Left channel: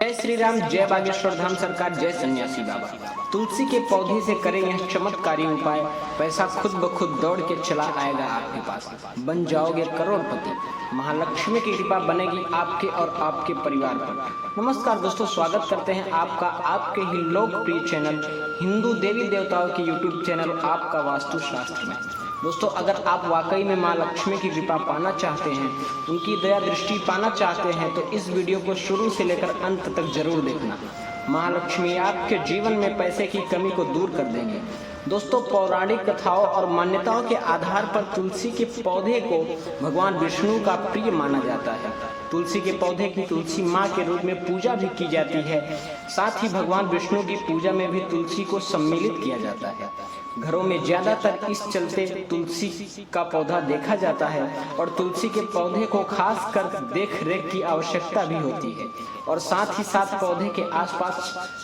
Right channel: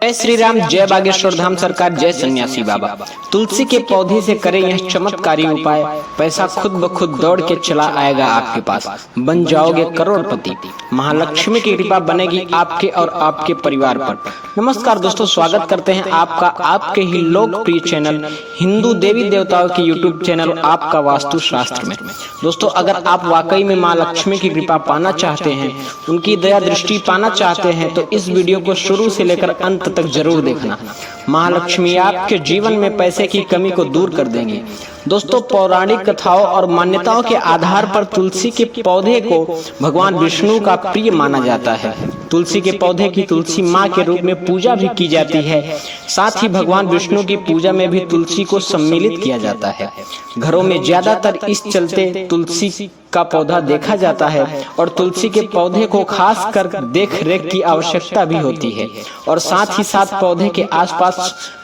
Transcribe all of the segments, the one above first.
जय श्री राम, जय बागेश्वर धाम सरकार, जय सन्यासी बाबा। तुलसी के पौधे से करें यह चमत्कारी उपाय, पैसा खुद ब खुद दौड़ के चला आएगा आपके पास, बन जाओगे करोड़पति। महालक्ष्मी की कृपा बनेगी आपके और आपके परिवार पर। नमस्कार दोस्तों, स्वागत करते हैं आपका आपके ही लोकप्रिय चैनल हिंदू देवी देवताओं की यूट्यूब चैनल आपका वास्तु शास्त्र में। दोस्तों, अगर आप वाकई में माँ लक्ष्मी की कृपा पाना चाहते हैं, उनकी दया दृष्टि पाना चाहते हैं, तो इस वीडियो को शुरू से लेकर अंत तक जरूर देखना। महालक्ष्मी आपके जीवन में पैसे की कमी को दूर कर देंगे। दोस्तों, पौराणिक कथाओं और मान्यताओं के आधार पर तुलसी के पौधे को भगवान विष्णु का प्रिय माना जाता है। तुलसी के पौधे की तुलसी माँ के रूप में पूजा भी की जाती है। साथ ही भगवान विष्णु की पूजा में भी तुलसी को सम्मिलित किया जाता है। घरों में ज्यादातर इस चलते तुलसी का पौधा देखा जाता है और तुलसी के पौधे को खास कर देख रेख की आवश्यकता भी होती है। और साथ ही साथ पौधे के आसपास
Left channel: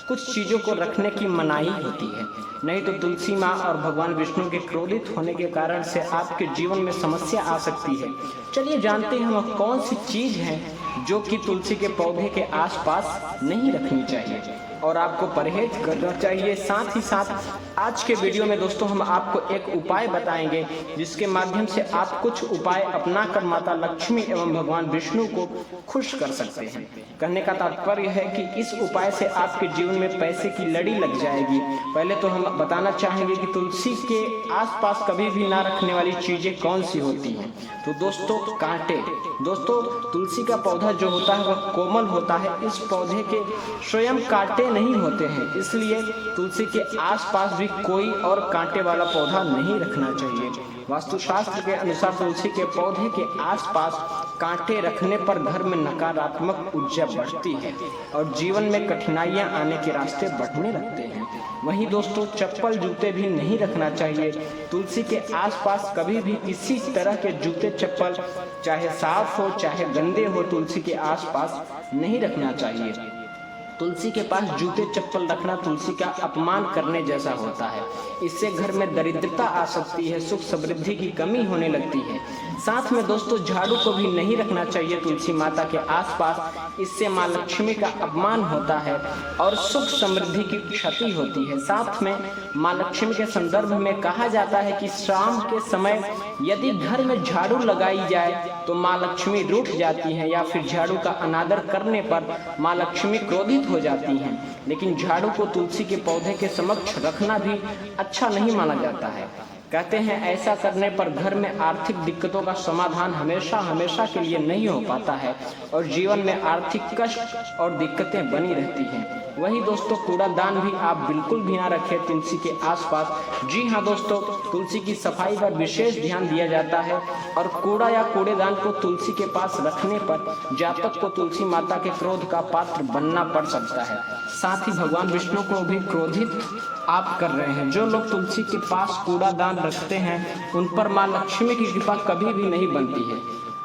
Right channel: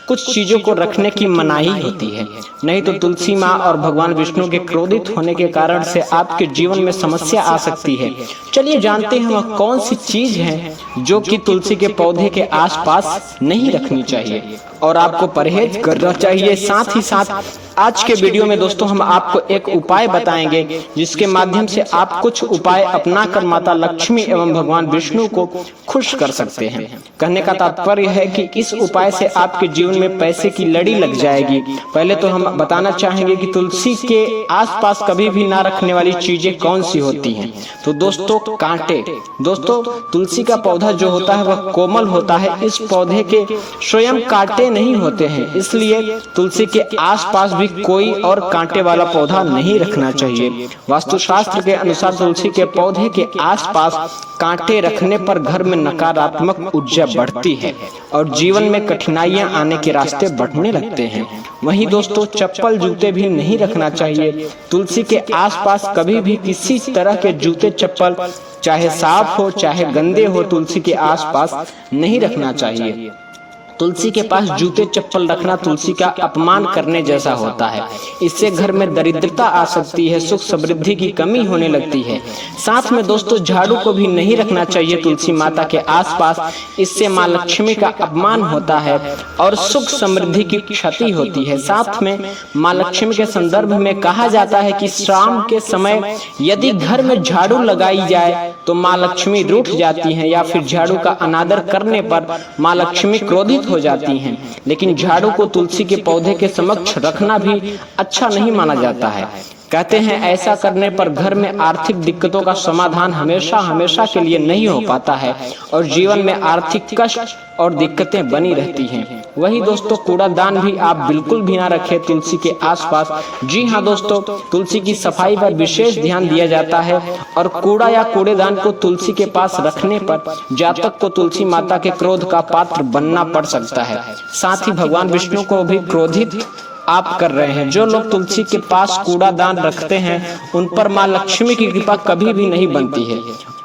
कुछ चीजों को रखने की मनाही होती है, नहीं तो तुलसी माँ और भगवान विष्णु के क्रोधित होने के कारण से आपके जीवन में समस्या आ सकती है। चलिए जानते हैं वह कौन सी चीज है जो कि तुलसी के पौधे के आसपास नहीं रखनी चाहिए और आपको परहेज करना चाहिए। साथ ही साथ आज के वीडियो में दोस्तों हम आपको एक उपाय बताएंगे, जिसके माध्यम से आप कुछ उपाय अपनाकर माता लक्ष्मी एवं भगवान विष्णु को खुश कर सकते हैं। कहने का तात्पर्य है कि इस उपाय से आपके जीवन में पैसे की लड़ी लग जाएगी। पहले तो हम बताना चाहेंगे कि तुलसी के आसपास कभी भी ना रखने वाली चीजें कौन सी होती हैं। तो दोस्तों, कांटे। दोस्तों, तुलसी का पौधा जो होता है वह कोमल होता है। इस पौधे के स्वयं कांटे नहीं होते हैं, इसलिए तुलसी के आसपास भी कोई और कांटे वाला पौधा नहीं रखना चाहिए। वास्तुशास्त्र के अनुसार तुलसी के पौधे के आसपास कांटे रखने पर घर में नकारात्मक ऊर्जा बढ़ती है और जीवन में कठिनाइयां आने के रास्ते बढ़ने लगते हैं। वहीं दोस्तों, चप्पल जूते भी नहीं रखना चाहिए। तुलसी के आसपास कभी भी किसी तरह के जूते चप्पल, चाहे साफ हो चाहे गंदे हो, तुलसी के आसपास नहीं रखना चाहिए। तुलसी के पास जूते चप्पल रखना तुलसी का अपमान करने जैसा होता है। इससे घर में दरिद्रता आ सकती है, सुख समृद्धि की कमी होने लगती है। साथ में दोस्तों, झाड़ू को भी नहीं रखना चाहिए तुलसी माता के आसपास। इससे माँ लक्ष्मी का अपमान होता है और सुख समृद्धि की क्षति होती है। साथ में माँ लक्ष्मी के संदर्भ में कहा जाता है कि शाम के समय यदि घर में झाड़ू लगाई जाए तो माँ लक्ष्मी रूठ जाती हैं, या फिर झाड़ू का अनादर करने पर माँ लक्ष्मी क्रोधित हो जाती हैं। लेकिन झाड़ू को तुलसी के पौधे के समक्ष रखना भी अच्छा नहीं माना जाता है। कहते हैं ऐसा करने पर घर में आर्थिक दिक्कतों का समाधान हमेशा हमेशा के लिए नहीं हो पाता है और जीवन में आर्थिक कष्ट और दिक्कतें बनी रहती हैं। वही दोस्तों, कूड़ादान भी आप बिल्कुल भी ना रखें तुलसी के आसपास। जी हाँ दोस्तों, तुलसी की सफाई पर विशेष ध्यान दिया जाता है और कूड़ा या कूड़ेदान को तुलसी के पास रखने पर जातक को तुलसी माता के क्रोध का पात्र बनना पड़ सकता है। साथ ही भगवान विष्णु को भी क्रोधित आप कर रहे हैं। जो लोग तुलसी के पास कूड़ादान रखते हैं उन पर माँ लक्ष्मी की कृपा कभी भी नहीं बनती है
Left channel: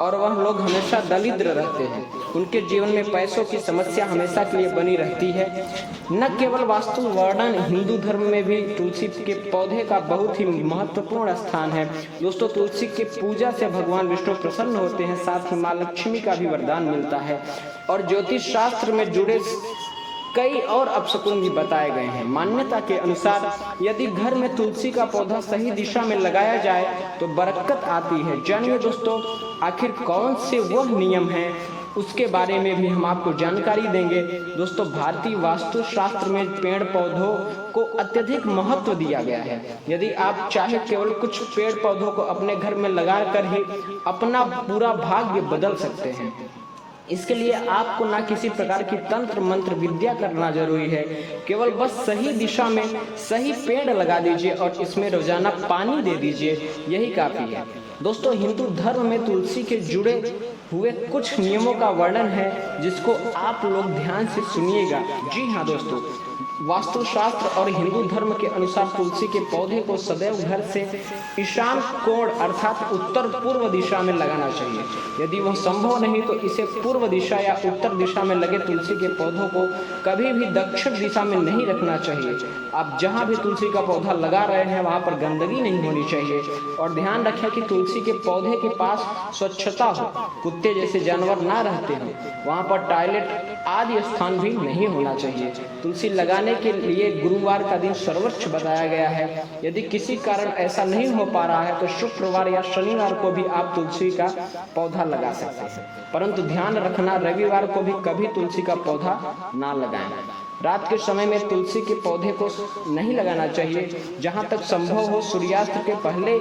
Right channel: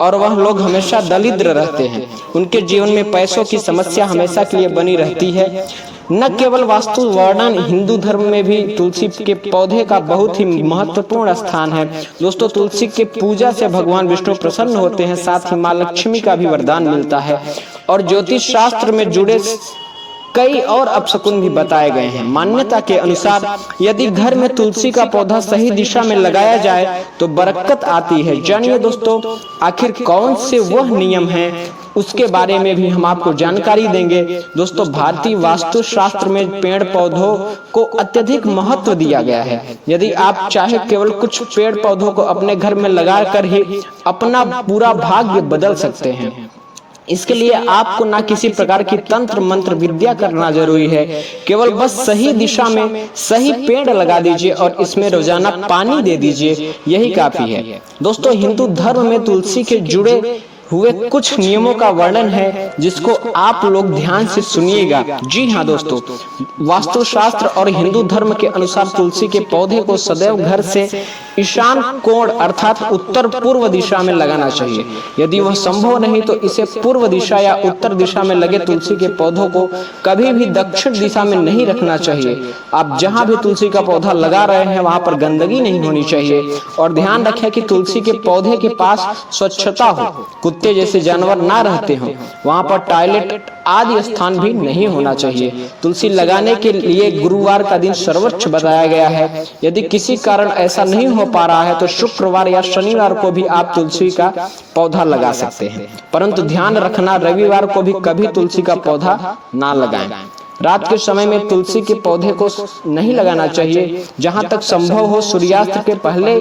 और वह लोग हमेशा दरिद्र रहते हैं। उनके जीवन में पैसों की समस्या हमेशा के लिए बनी रहती है। न केवल वास्तु वर्णन, हिंदू धर्म में भी तुलसी के पौधे का बहुत ही महत्वपूर्ण स्थान है। दोस्तों, तुलसी के पूजा से भगवान विष्णु प्रसन्न होते हैं, साथ ही माँ लक्ष्मी का भी वरदान मिलता है और ज्योतिष शास्त्र में जुड़े कई और अपशकुन भी बताए गए हैं। मान्यता के अनुसार यदि घर में तुलसी का पौधा सही दिशा में लगाया जाए तो बरकत आती है। जानिए दोस्तों, आखिर कौन से वह नियम हैं, उसके बारे में भी हम आपको जानकारी देंगे। दोस्तों, भारतीय वास्तु शास्त्र में पेड़ पौधों को अत्यधिक महत्व दिया गया है। यदि आप चाहे केवल कुछ पेड़ पौधों को अपने घर में लगाकर ही अपना पूरा भाग्य बदल सकते हैं। इसके लिए आपको ना किसी प्रकार की तंत्र मंत्र विद्या करना जरूरी है, केवल बस सही दिशा में सही पेड़ लगा दीजिए और इसमें रोजाना पानी दे दीजिए, यही काफी है। दोस्तों, हिंदू धर्म में तुलसी के जुड़े हुए कुछ नियमों का वर्णन है, जिसको आप लोग ध्यान से सुनिएगा। जी हाँ दोस्तों, वास्तुशास्त्र और हिंदू धर्म के अनुसार तुलसी के पौधे को सदैव घर से ईशान कोण अर्थात उत्तर पूर्व दिशा में लगाना चाहिए। यदि वह संभव नहीं तो इसे पूर्व दिशा या उत्तर दिशा में लगे तुलसी के पौधों को कभी भी दक्षिण दिशा में नहीं रखना चाहिए। आप जहां भी तुलसी का पौधा लगा रहे हैं वहां पर गंदगी नहीं होनी चाहिए और ध्यान रखें कि तुलसी के पौधे के पास स्वच्छता हो। कुत्ते जैसे जानवर ना रहते हों, वहां पर टॉयलेट आदि स्थान भी नहीं होना चाहिए। तुलसी लगाने के लिए गुरुवार का दिन सर्वोच्च बताया गया है। यदि किसी कारण ऐसा नहीं हो पा रहा है तो शुक्रवार या शनिवार को भी आप तुलसी का पौधा लगा सकते हैं, परंतु ध्यान रखना रविवार को भी कभी तुलसी का पौधा ना लगाएं। रात के समय में तुलसी के पौधे को नहीं लगाना चाहिए। जहां तक संभव हो सूर्यास्त के पहले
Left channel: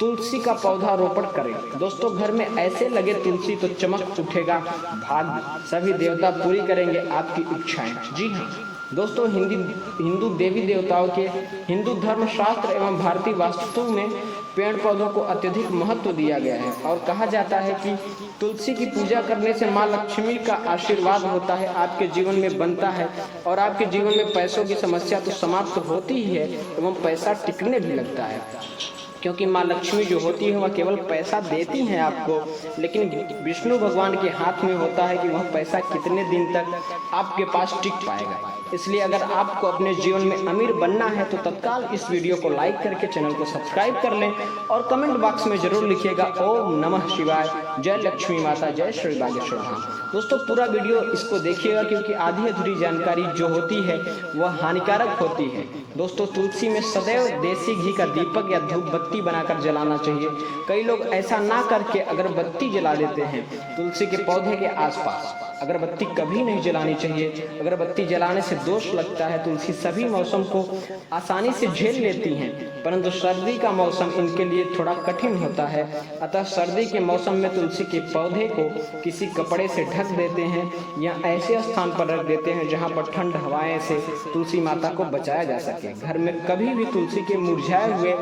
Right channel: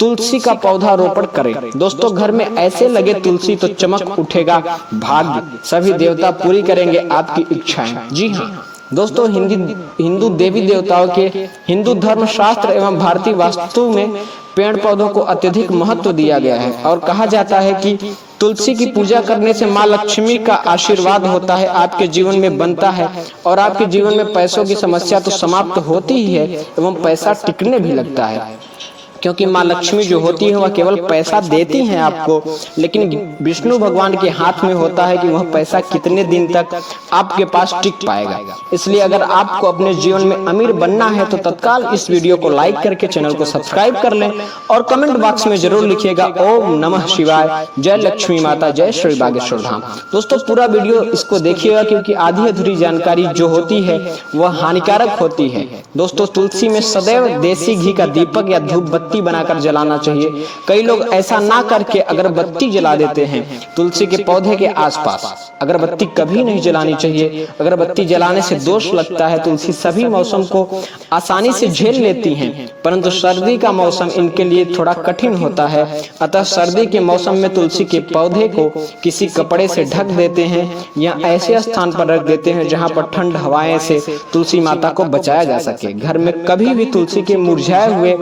तुलसी का पौधा रोपण करें। दोस्तों, घर में ऐसे लगे तुलसी तो चमक उठेगा, भाग्य सभी देवता पूरी करेंगे आपकी इच्छाएं। जी हाँ दोस्तों, हिंदू देवी देवताओं के हिंदू धर्म शास्त्र एवं भारतीय वास्तु में पेड़ पौधों को अत्यधिक महत्व दिया गया है और कहा जाता है कि तुलसी की पूजा करने से माँ लक्ष्मी का आशीर्वाद होता है, आपके जीवन में बनता है और आपके जीवन में पैसों की समस्या तो समाप्त होती ही है एवं पैसा टिकने भी लगता है, क्योंकि माँ लक्ष्मी जो होती है वह केवल पैसा देती हैं आपको, लेकिन विष्णु भगवान के हाथ में होता है कि वह पैसा कितने दिन तक आपके पास टिक पाएगा। इसलिए अगर आपको अपने जीवन में अमीर बनना है तो तत्काल इस वीडियो को लाइक करके चैनल को सब्सक्राइब कर लें और कमेंट बॉक्स में जरूर लिखिएगा ओम नमः शिवाय, जय लक्ष्मी माता, जय श्री बागेश्वर धाम। दोस्तों, पूरा वीडियो इसको देखिएगा क्योंकि आधी अधूरी जानकारी जो होती है वह हानिकारक होती है। दोस्तों, तुलसी में सदैव देसी घी का दीपक या धूप बत्ती बनाकर जलाना चाहिए। कई लोग ऐसा ना करके अगरबत्ती जला देते हैं तुलसी के पौधे के आसपास। अगरबत्ती कभी नहीं जलानी चाहिए, अगरबत्ती जलाने से दोष लगता है। तुलसी सभी मौसम को आसानी से झेल लेती हैं, परंतु सर्दी का मौसम इनके लिए थोड़ा कठिन होता है। अतः सर्दी के मौसम में तुलसी के पौधे को किसी कपड़े से ढक देते हैं या ऐसे स्थान पर रख देते हैं जहां पर ठंड हवाएं से तुलसी माता को बचाया जा सके। घर में कभी भी तुलसी के मुरझाए हुए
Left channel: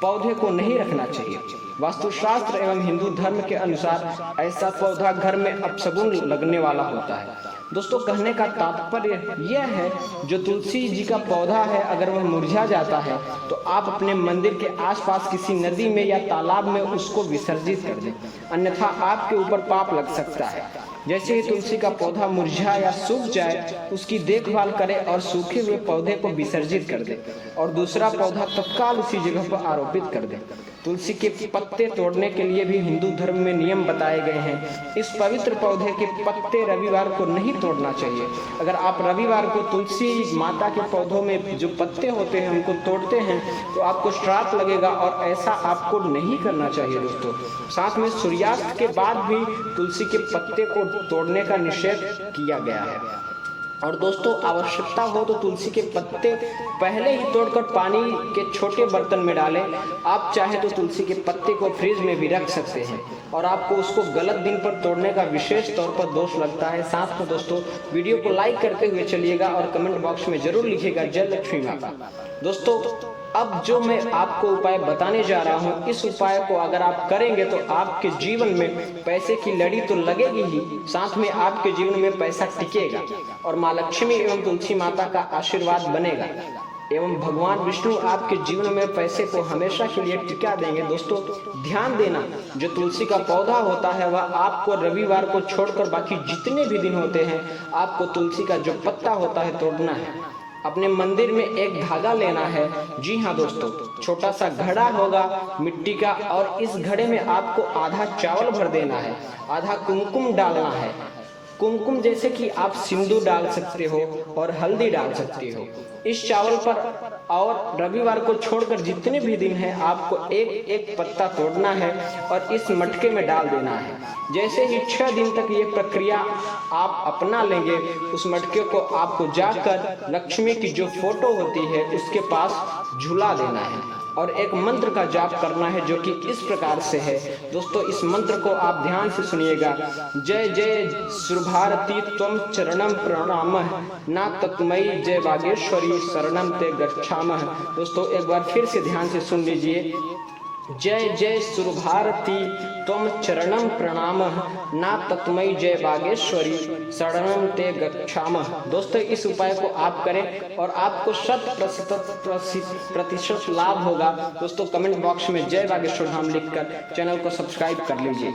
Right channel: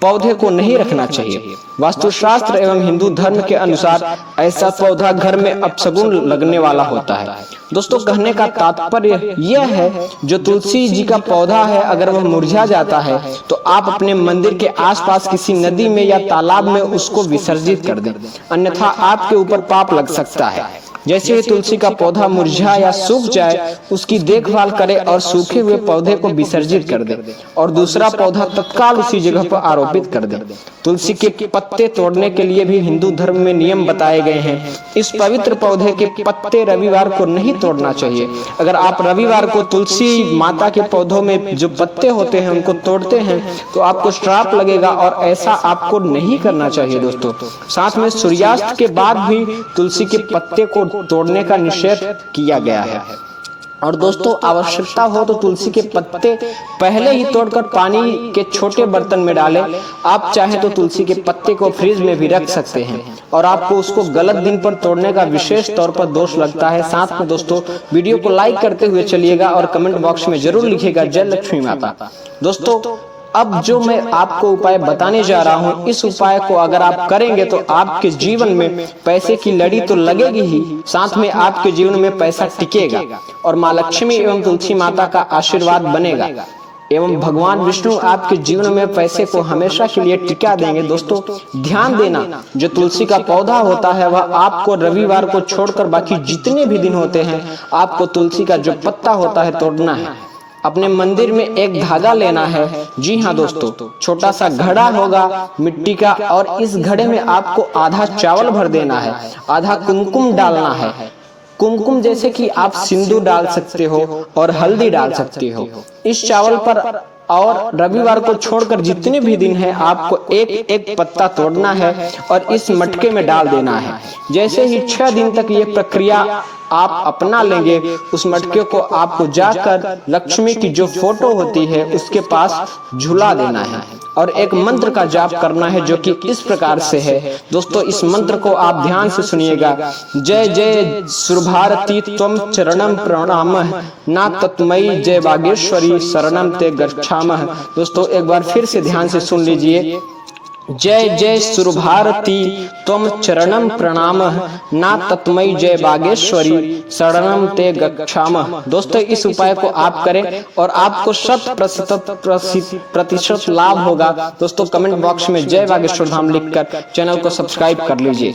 पौधे को नहीं रखना चाहिए। वास्तुशास्त्र एवं हिंदू धर्म के अनुसार ऐसा पौधा घर में अपशगुन लगने वाला होता है। दोस्तों, कहने का तात्पर्य यह है जो तुलसी जी का पौधा है अगर वह मुरझा जाता है तो आप अपने मंदिर के आसपास किसी नदी में या तालाब में उसको विसर्जित कर दें, अन्यथा आपके ऊपर पाप लग सकता है। जैसे ही तुलसी का पौधा मुरझा या सूख जाए उसकी देखभाल करें और सूखे हुए पौधे को विसर्जित कर दें और दूसरा पौधा तत्काल उसी जगह पर आरोपित कर दें। तुलसी के पत्ते तोड़ने के लिए भी हिंदू धर्म में नियम बताए गए हैं। इस पवित्र पौधे के पत्ते रविवार को नहीं तोड़ना चाहिए। अगर आप रविवार को तुलसी माता के पौधों में जो पत्ते होते हैं उनको तोड़ते हैं तो आपको श्राप लगेगा और ऐसा आपको नहीं करना चाहिए। दोस्तों, साथ में सूर्यास्त के बाद भी तुलसी के पत्ते को तोड़ने का निषेध किया गया है। और दोस्तों, आवश्यकता हो तो तुलसी के पत्ते पहले ही तोड़कर पानी के छोटे बर्तन में डालें। आप चाहे तो तुलसी के पत्ते को फ्रिज में भी रख सकते हैं और आपको उसको गलत दिन पर तोड़ने का विशेष तौर पर दोष लगता है। साथ में दोस्तों, वीडियो को लाइक करते हुए चलिएगा और कमेंट बॉक्स में जरूर लिखिएगा जय लक्ष्मी माता। दोस्तों, अब जो मैं आपको उपाय बताने जा रहा हूँ, इस उपाय को अगर आप करेंगे तो आपके जीवन में पैसे की लड़ी तो लगेगी ही, साथ में आपके जीवन में पैसा टिकेगा और माँ लक्ष्मी एवं तुलसी माता का आशीर्वाद बनेगा एवं भगवान विष्णु आपके जीवन में पैसे को हमेशा के लिए टिका देंगे। दोस्तों, ध्यान देना, जो तुलसी का पौधा होता है वह आपको रविवार को छोड़कर बाकी जितने भी दिन होते हैं आपको तुलसी का जो पत्ता होता है तोड़ना है। अपने मंदिर में एक धागा लेना है। जी हाँ दोस्तों, छोटा सा घड़ा होगा मिट्टी का और इस घड़े में आपको आधा चावल भर देना है, आधा कुमकुम डालना है। कुमकुम जैसे कि आप सिंदूर डाल सकते हो और हल्दी डाल सकते हो। इस चावल पर और रविवार को छोड़कर जितने भी दिन हैं आपको एक एक पत्ता तोड़ना है और इस मटके में डाल देना है। जैसे ही 6 दिन तक ये प्रक्रिया आप अपना लेंगे, उस मटके को आपको जाकर लक्ष्मी की जो फोटो होती है उसके पास झुला देना है और एक मंत्र का जाप करना है जो कि इस प्रकार से है। दोस्तों, इस मंत्र को आप ध्यान से सुनिएगा। जय जय सुरभारती त्वं चरणम प्रणामः, ना तत्मयी जय बागेश्वरी शरणम ते गच्छामः। दोस्तों, एक बार फिर से ध्यान से सुन लीजिए। जय जय सुरभारती त्वं चरणम प्रणामः, ना तत्मयी जय बागेश्वरी शरणम ते गच्छामः। दोस्तों, इस उपाय को आप करें और आपको 100% लाभ होगा। दोस्तों, कमेंट बॉक्स में जय बागेश्वर धाम लिखकर चैनल को सब्सक्राइब कर लीजिए।